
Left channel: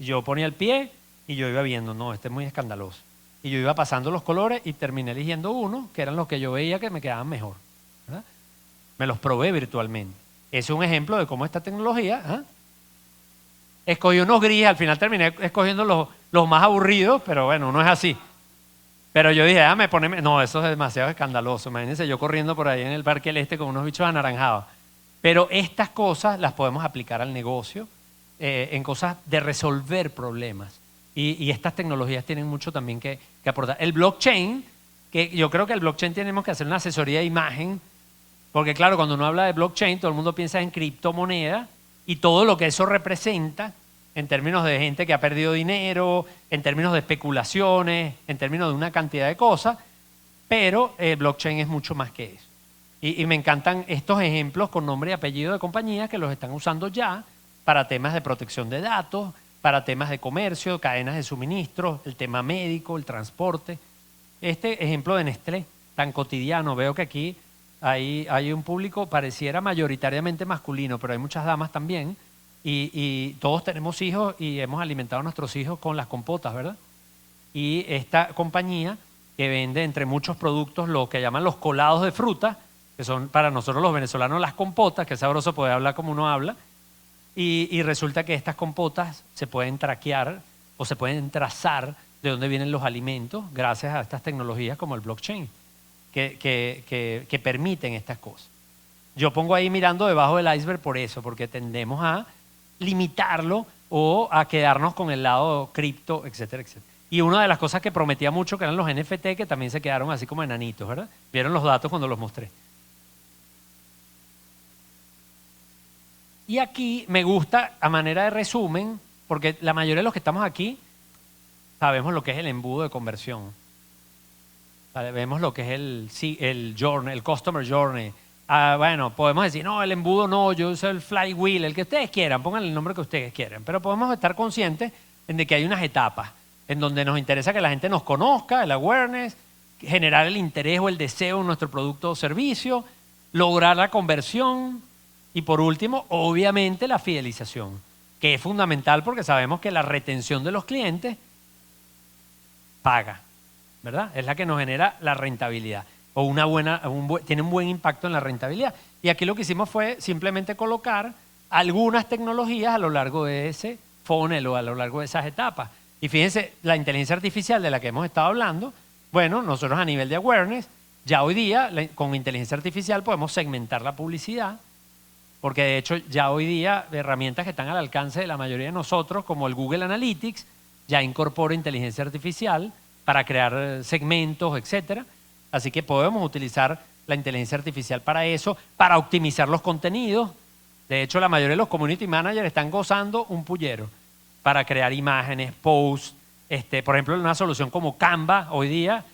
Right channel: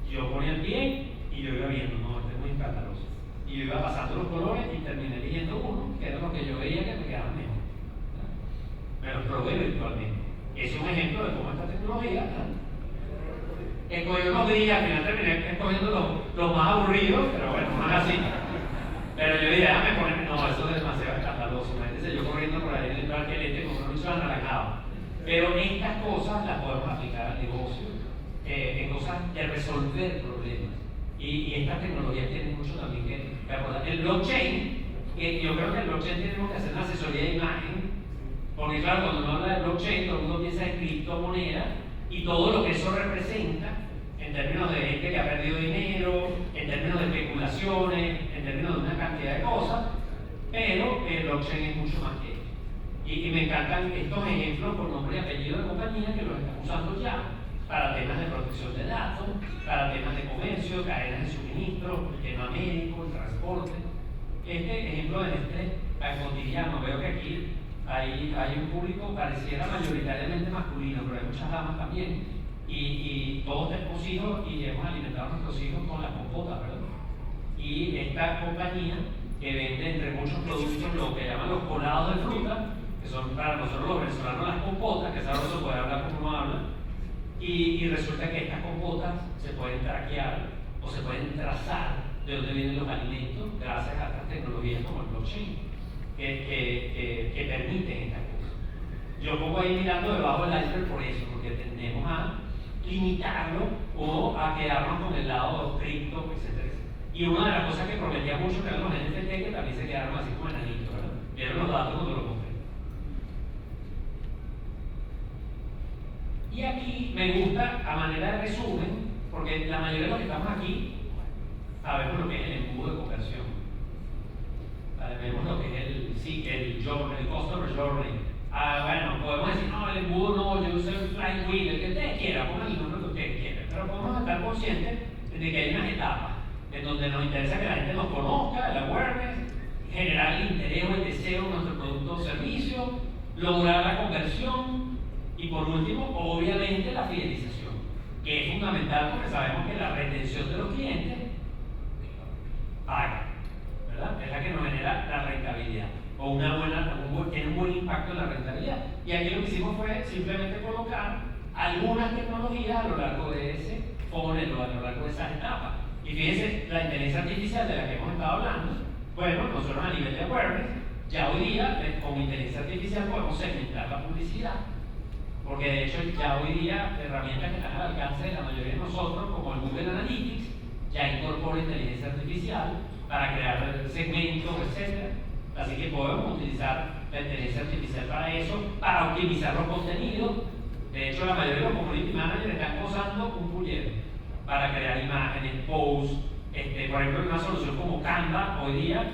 yo ponía el pie y yo iba viendo, no, este es muy escandaloso. Y yo iba pasando los colores y terminé eligiendo uno que eran los que yo veía que me quedaban mejor, ¿verdad? Me los probé virtualmente. Es un ejemplo de cómo esta tecnología... Escogí unos grises, al final terminé escogiendo los más aburridos, pero bueno, no es así. Pero yo dije, no, eso es demasiado escandaloso. Imagínense yo corriendo por ahí en el Parque del Este con unos bichos anaranjados. Pero estas cosas las podemos aplicar al negocio, en cosas de resolver problemas. Y estas tecnologías tienen mucho también que aportar. El blockchain, que yo creo que el blockchain tenemos que hacer una asesoría de imagen, porque claro, cuando uno habla de blockchain, todo el mundo piensa en criptomoneda, y todo lo que eso representa en términos de gente que ha perdido dinero, en términos de especulaciones, en términos de una cantidad de cosas, pero el blockchain es mucho más que eso. Y me encantan estos ejemplos con nombre y apellido de compañías que los están usando ya para temas de protección de datos, para temas de comercio, cadenas de suministro, el tema médico, el transporte. Este ejemplo de Nestlé, tan cotidiano, veo que aquí hay un público pareciera mayoritariamente masculino, pero hay muchas damas también, y todos tenemos hijos y hemos alimentado a nuestros hijos con las compotas, ¿verdad? Y esta compañía que vende entre muchos productos lo que llaman los colados de fruta, que son para nosotros los venezolanos las compotas, que es sabroso poder hablar como uno habla, y resulta que estas compotas se pueden traquear o se pueden trazar de dónde vienen los alimentos gracias a estas tecnologías como el blockchain. Que permiten estas cosas. Yo pongo ahí mirando debajo del iceberg por eso, porque tendemos a limitarlo o a quedarnos con el lado cripto, etcétera, etcétera. Y una de las cosas que prometía mucho que eran los NFT, que también se quedaron así como enanitos, ¿verdad? Vieron los datos cuando los mostré. Y aquí me gusta, a manera de resumen, porque la mayoría de los que estamos aquí sabemos lo que es el embudo de conversión. Vemos lo que es el journey, el customer journey. Bueno, podemos decir, no, el embudo no, yo uso el flywheel, el que ustedes quieran, pongan el nombre que ustedes quieran, pero podemos estar conscientes de que hay unas etapas en donde nos interesa que la gente nos conozca, el awareness, generar el interés o el deseo en nuestro producto o servicio, lograr la conversión, Y por último, obviamente la fidelización, que es fundamental porque sabemos que la retención de los clientes paga, ¿verdad? Es la que nos genera la rentabilidad o tiene un buen impacto en la rentabilidad. Y aquí lo que hicimos fue simplemente colocar algunas tecnologías a lo largo de ese funnel o a lo largo de esas etapas. Y fíjense, la inteligencia artificial de la que hemos estado hablando, bueno, nosotros a nivel de awareness, ya hoy día con inteligencia artificial podemos segmentar la publicidad, porque de hecho ya hoy día herramientas que están al alcance de la mayoría de nosotros, como el Google Analytics, ya incorpora inteligencia artificial para crear segmentos, etcétera. Así que podemos utilizar la inteligencia artificial para eso, para optimizar los contenidos. De hecho, la mayoría de los community managers están gozando un pullero para crear imágenes, posts. Por ejemplo, una solución como Canva hoy día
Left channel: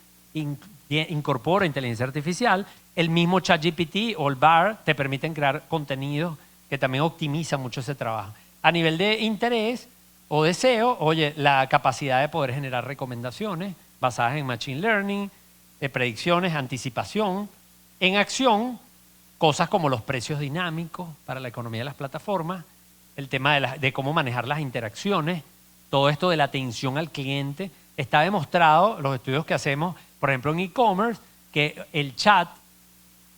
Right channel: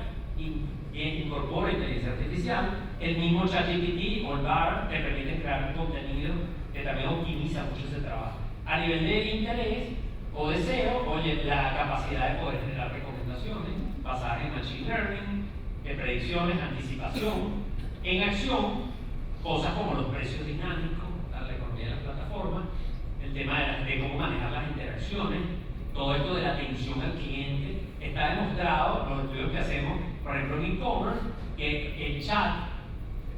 incorpora inteligencia artificial. El mismo ChatGPT o el BAR te permiten crear contenido que también optimiza mucho ese trabajo. A nivel de interés o deseo, oye, la capacidad de poder generar recomendaciones basadas en Machine Learning, de predicciones, anticipación, en acción, cosas como los precios dinámicos para la economía de las plataformas, el tema de cómo manejar las interacciones, todo esto de la atención al cliente. Está demostrado, los estudios que hacemos, por ejemplo en e-commerce, que el chat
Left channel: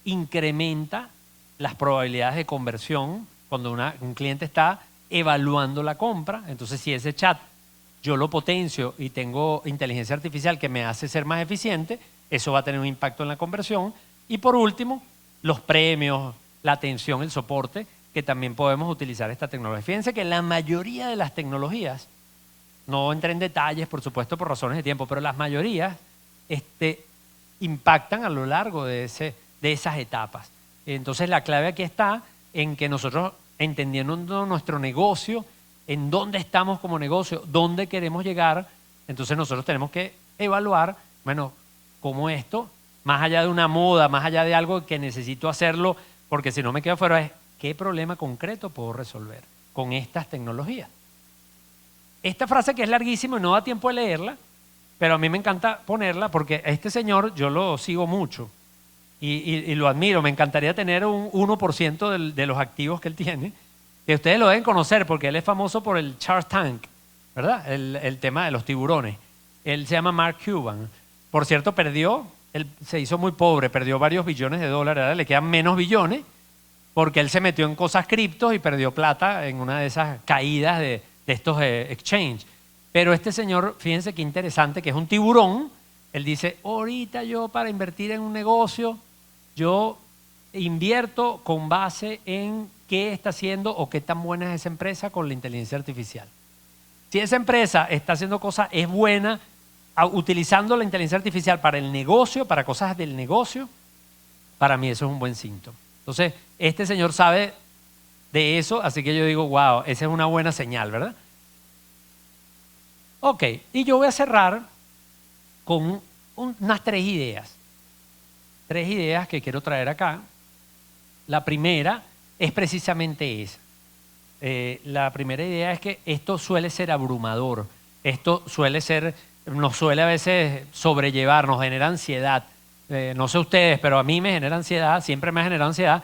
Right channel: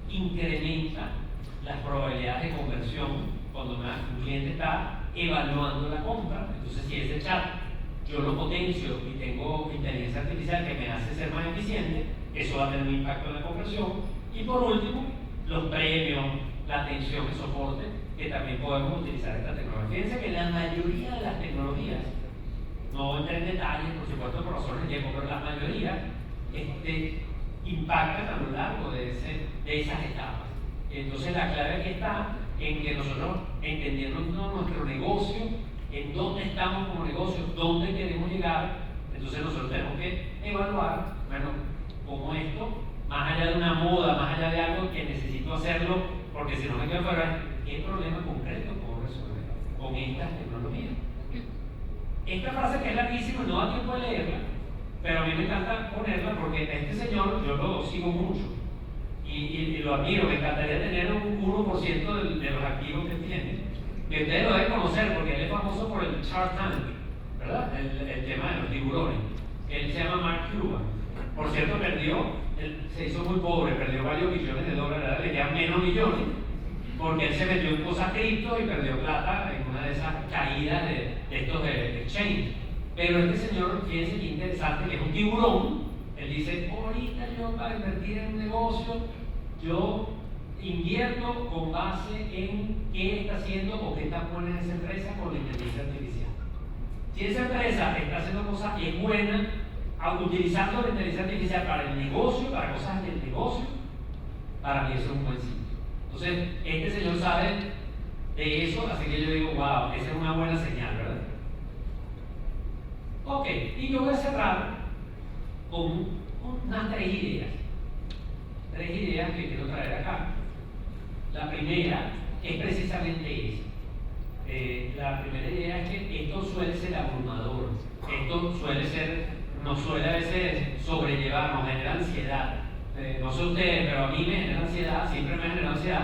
incrementa las probabilidades de conversión cuando un cliente está evaluando la compra. Entonces, si ese chat yo lo potencio y tengo inteligencia artificial que me hace ser más eficiente, eso va a tener un impacto en la conversión. Y por último, los premios, la atención, el soporte, que también podemos utilizar esta tecnología. Fíjense que la mayoría de las tecnologías, no entré en detalles, por supuesto, por razones de tiempo, pero las mayorías impactan a lo largo de esas etapas. Entonces, la clave aquí está en que nosotros, entendiendo nuestro negocio, en dónde estamos como negocio, dónde queremos llegar, entonces nosotros tenemos que evaluar, bueno, cómo esto, más allá de una moda, más allá de algo que necesito hacerlo, porque si no me quedo fuera, es qué problema concreto puedo resolver con estas tecnologías. Esta frase, que es larguísima y no da tiempo de leerla, pero a mí me encanta ponerla porque este señor yo lo sigo mucho y lo admiro. Me encantaría tener un 1% de los activos que él tiene, que ustedes lo deben conocer porque él es famoso por el Shark Tank, ¿verdad? El tema de los tiburones. Él se llama Mark Cuban. Por cierto, él se hizo muy pobre, perdió varios billones de dólares, ahora le quedan menos billones, porque él se metió en cosas criptos y perdió plata en una de esas caídas de estos exchange. Pero este señor, fíjense qué interesante, que es un tiburón. Él dice, ahorita yo para invertir en un negocio, yo invierto con base en qué está haciendo o qué tan buena es esa empresa con la inteligencia artificial. Si esa empresa está haciendo cosas, es buena, utilizando la inteligencia artificial para el negocio, para cosas del negocio, para mí eso es un buen síntoma. Entonces, este señor sabe de eso, así que yo digo, wow, esa es una buena señal, ¿verdad? Ok, y yo voy a cerrar con unas 3 ideas. 3 ideas que quiero traer acá. La primera es precisamente esa. La primera idea es que esto suele ser abrumador. Esto nos suele a veces sobrellevar, nos genera ansiedad. No sé ustedes, pero a mí me genera ansiedad, siempre me ha generado ansiedad.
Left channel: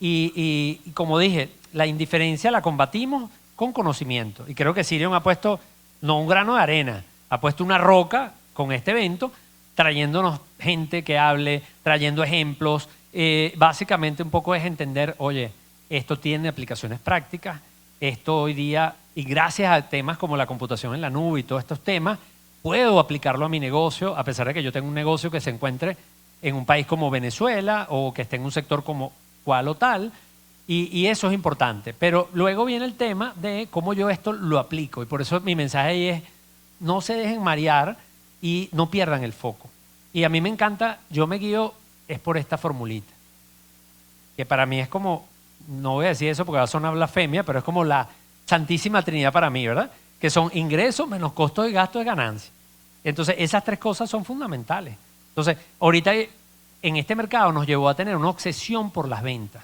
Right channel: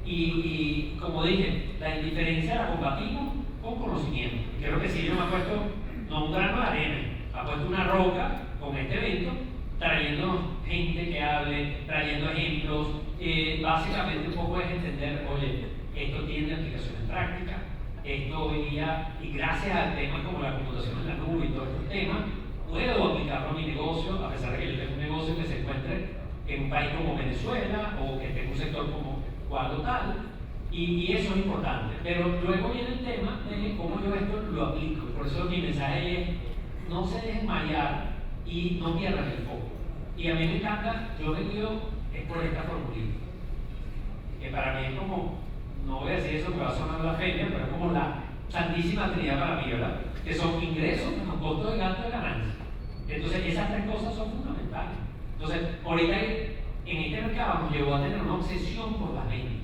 Y como dije, la indiferencia la combatimos con conocimiento. Y creo que Sirion ha puesto, no un grano de arena, ha puesto una roca con este evento, trayéndonos gente que hable, trayendo ejemplos. Básicamente un poco es entender, oye, esto tiene aplicaciones prácticas, esto hoy día, y gracias a temas como la computación en la nube y todos estos temas, puedo aplicarlo a mi negocio, a pesar de que yo tengo un negocio que se encuentre en un país como Venezuela o que esté en un sector como cual o tal, y eso es importante. Pero luego viene el tema de cómo yo esto lo aplico, y por eso mi mensaje ahí es, no se dejen marear y no pierdan el foco. Y a mí me encanta, yo me guío es por esta formulita, que para mí es como, no voy a decir eso porque va a sonar blasfemia, pero es como la Santísima Trinidad para mí, ¿verdad? Que son ingresos menos costos y gastos de ganancia. Entonces, esas 3 cosas son fundamentales. Entonces, ahorita en este mercado nos llevó a tener una obsesión por las ventas.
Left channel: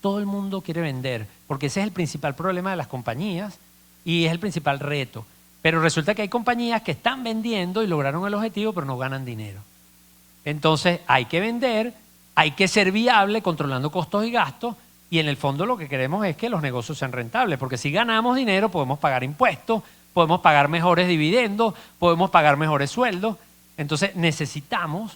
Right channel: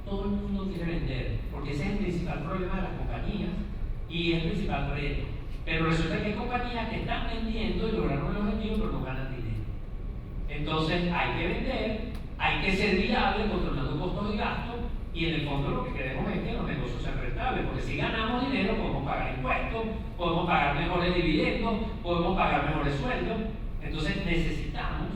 Todo el mundo quiere vender, porque ese es el principal problema de las compañías y es el principal reto. Pero resulta que hay compañías que están vendiendo y lograron el objetivo, pero no ganan dinero. Entonces, hay que vender, hay que ser viable controlando costos y gastos, y en el fondo lo que queremos es que los negocios sean rentables, porque si ganamos dinero podemos pagar impuestos, podemos pagar mejores dividendos, podemos pagar mejores sueldos. Entonces necesitamos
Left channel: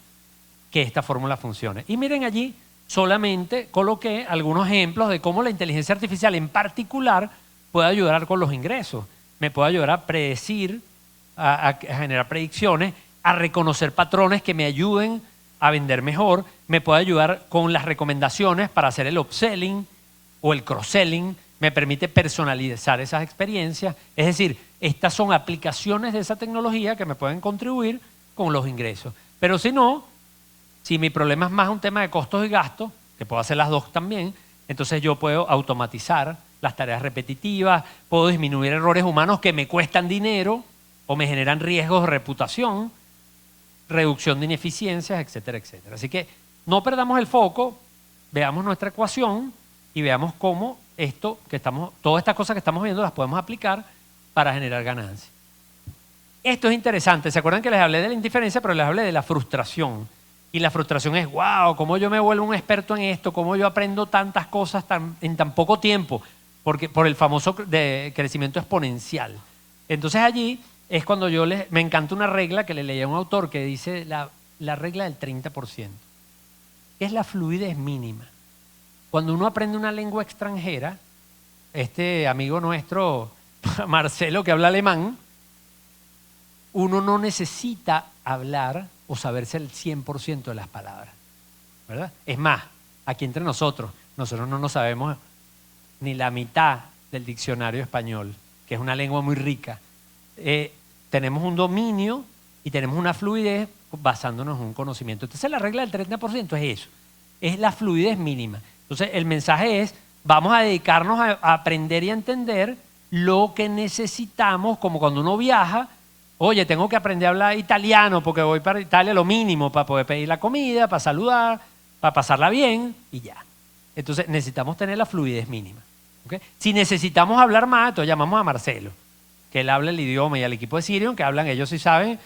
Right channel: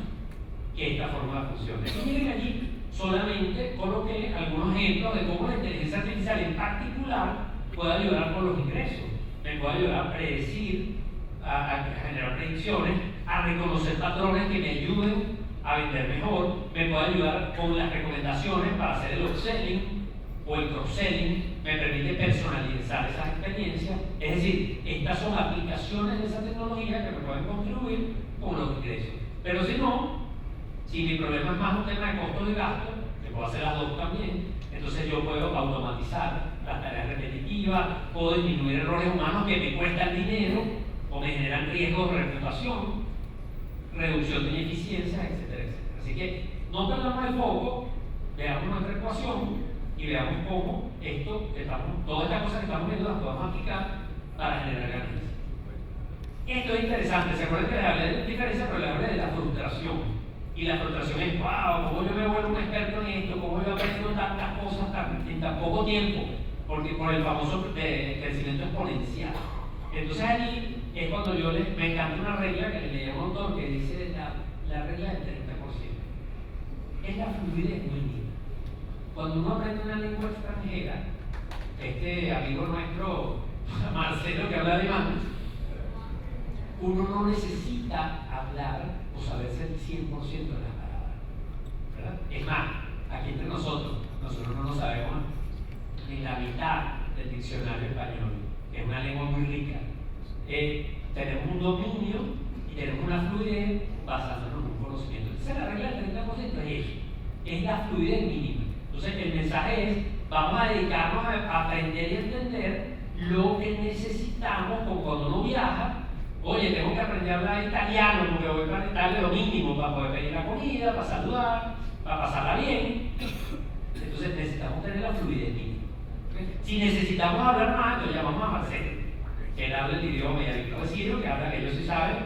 que esta fórmula funcione. Y miren allí, solamente coloqué algunos ejemplos de cómo la inteligencia artificial en particular puede ayudar con los ingresos. Me puede ayudar a predecir, a generar predicciones, a reconocer patrones que me ayuden a vender mejor, me puede ayudar con las recomendaciones para hacer el upselling o el cross-selling, me permite personalizar esas experiencias. Es decir, estas son aplicaciones de esa tecnología que me pueden contribuir con los ingresos. Pero si no, si mi problema es más un tema de costos y gastos, que puedo hacer las dos también, entonces yo puedo automatizar las tareas repetitivas, puedo disminuir errores humanos que me cuestan dinero o me generan riesgos de reputación, reducción de ineficiencias, etcétera, etcétera. Así que no perdamos el foco, veamos nuestra ecuación y veamos cómo todas estas cosas que estamos viendo las podemos aplicar para generar ganancias. Esto es interesante. ¿Se acuerdan que les hablé de la indiferencia, pero les hablé de la frustración? Y la frustración es, wow, ¿cómo yo me vuelvo un experto en esto? ¿Cómo yo aprendo tantas cosas en tan poco tiempo? Porque por el famoso crecimiento exponencial. Entonces allí es cuando me encanta una regla que le leí a un autor que dice la regla del 30%, que es la fluidez mínima. Cuando uno aprende una lengua extranjera, este amigo nuestro, Marcelo, que habla alemán, uno no necesita hablar o saberse el 100% de las palabras, ¿verdad? Es más, aquí entre nosotros no nos sabemos ni la mitad del diccionario español, que es una lengua muy rica. Tenemos un dominio y tenemos una fluidez basándonos en un conocimiento. Entonces la regla del 30% es eso, es la fluidez mínima. Entonces el mensaje es, vamos a dedicarnos a aprender y a entender lo que necesitamos, como cuando uno viaja. Oye, tengo que aprender a hablar italiano porque voy para Italia, lo mínimo para poder pedir la comida, para saludar, para pasarla bien y ya. Entonces necesitamos tener la fluidez mínima, ¿okay? Si necesitamos hablar más, entonces llamamos a Marcelo, que él habla el idioma, y al equipo de Sirio que hablan, ellos sí saben,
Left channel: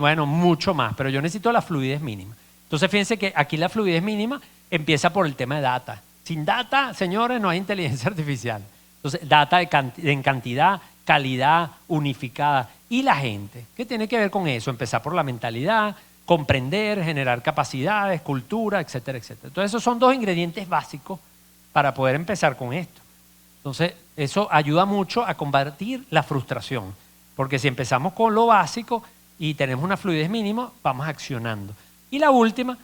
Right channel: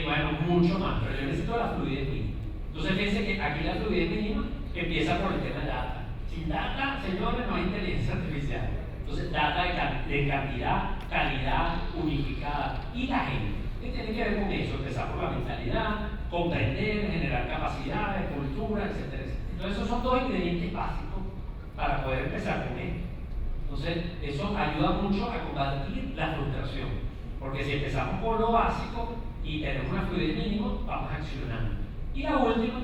bueno, mucho más, pero yo necesito la fluidez mínima. Entonces fíjense que aquí la fluidez mínima empieza por el tema de data. Sin data, señores, no hay inteligencia artificial. Entonces, data en cantidad, calidad, unificada. Y la gente, ¿qué tiene que ver con eso? Empezar por la mentalidad, comprender, generar capacidades, cultura, etcétera, etcétera. Entonces, esos son dos ingredientes básicos para poder empezar con esto. Entonces, eso ayuda mucho a combatir la frustración. Porque si empezamos con lo básico y tenemos una fluidez mínima, vamos accionando. Y la última,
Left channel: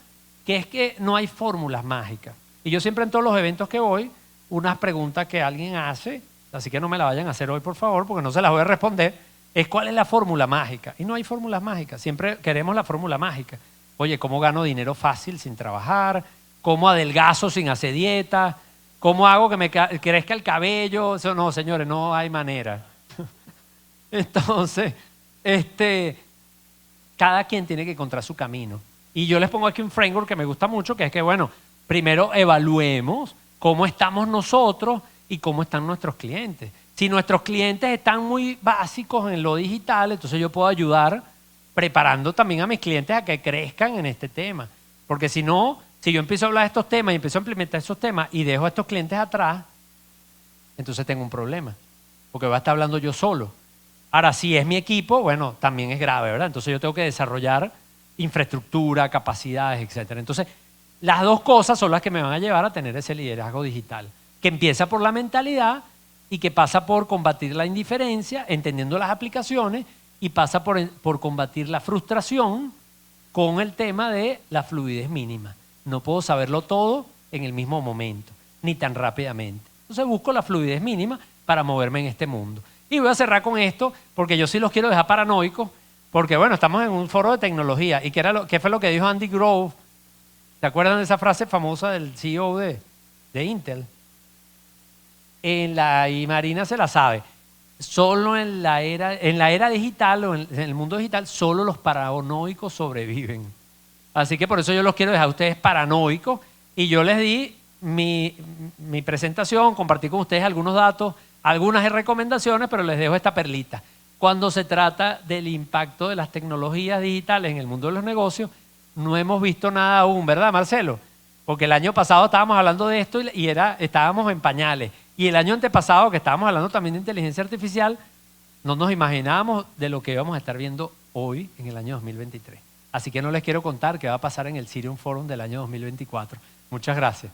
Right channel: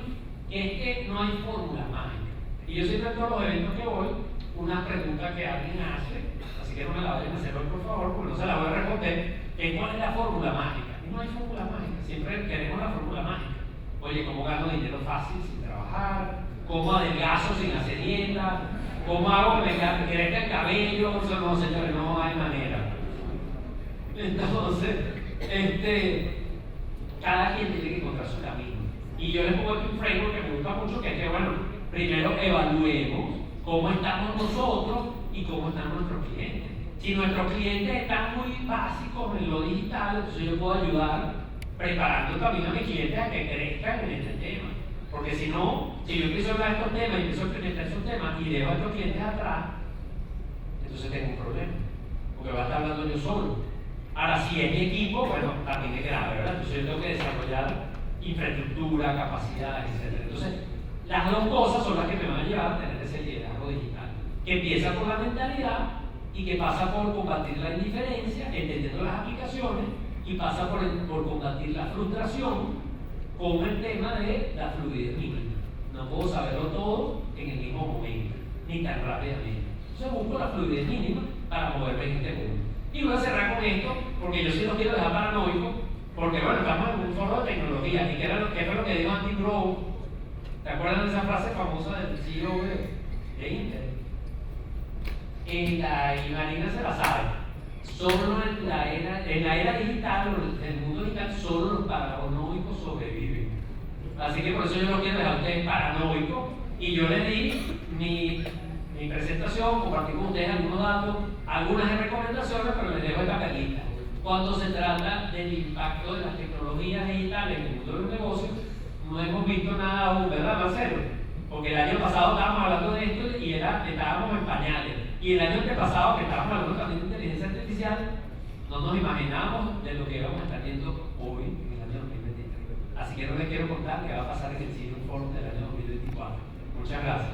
que es que no hay fórmulas mágicas. Y yo siempre en todos los eventos que voy, una pregunta que alguien hace, así que no me la vayan a hacer hoy por favor, porque no se las voy a responder, es ¿cuál es la fórmula mágica? Y no hay fórmulas mágicas, siempre queremos la fórmula mágica. Oye, ¿cómo gano dinero fácil sin trabajar? ¿Cómo adelgazo sin hacer dieta? ¿Cómo hago que me crezca el cabello? Eso no, señores, no hay manera. Entonces, cada quien tiene que encontrar su camino. Y yo les pongo aquí un framework que me gusta mucho, que es que, bueno, primero evaluemos cómo estamos nosotros y cómo están nuestros clientes. Si nuestros clientes están muy básicos en lo digital, entonces yo puedo ayudar preparando también a mis clientes a que crezcan en este tema. Porque si no, si yo empiezo a hablar de estos temas y empiezo a implementar esos temas y dejo a estos clientes atrás, entonces tengo un problema, porque voy a estar hablando yo solo. Ahora, si es mi equipo, bueno, también es grave, ¿verdad? Entonces yo tengo que desarrollar infraestructura, capacidades, etcétera. Entonces, las dos cosas son las que me van a llevar a tener ese liderazgo digital, que empieza por la mentalidad y que pasa por combatir la indiferencia, entendiendo las aplicaciones, y pasa por combatir la frustración con el tema de la fluidez mínima. No puedo saberlo todo en el mismo momento, ni tan rápidamente. Entonces busco la fluidez mínima para moverme en este mundo. Y voy a cerrar con esto, porque yo sí los quiero dejar paranoicos, porque bueno, estamos en un foro de tecnología. ¿Y qué fue lo que dijo Andy Grove? ¿Se acuerdan de esa frase famosa del CEO de Intel? Y Marina se la sabe. Solo en la era digital o en el mundo digital, solo los paranoicos sobreviven. Así que por eso yo los quiero dejar a ustedes paranoicos. Y yo les di mi presentación, compartí con ustedes algunos datos, algunas recomendaciones, pero les dejo esta perlita. Cuando se trata del impacto de las tecnologías digitales en el mundo de los negocios, no hemos visto nada aún, ¿verdad, Marcelo? Porque el año pasado estábamos hablando de esto y estábamos en pañales. Y el año antepasado, que estábamos hablando también de inteligencia artificial, no nos imaginábamos de lo que íbamos a estar viendo hoy en el año 2023. Así que no les quiero contar qué va a pasar en el Sirium Forum del año 2024. Muchas gracias.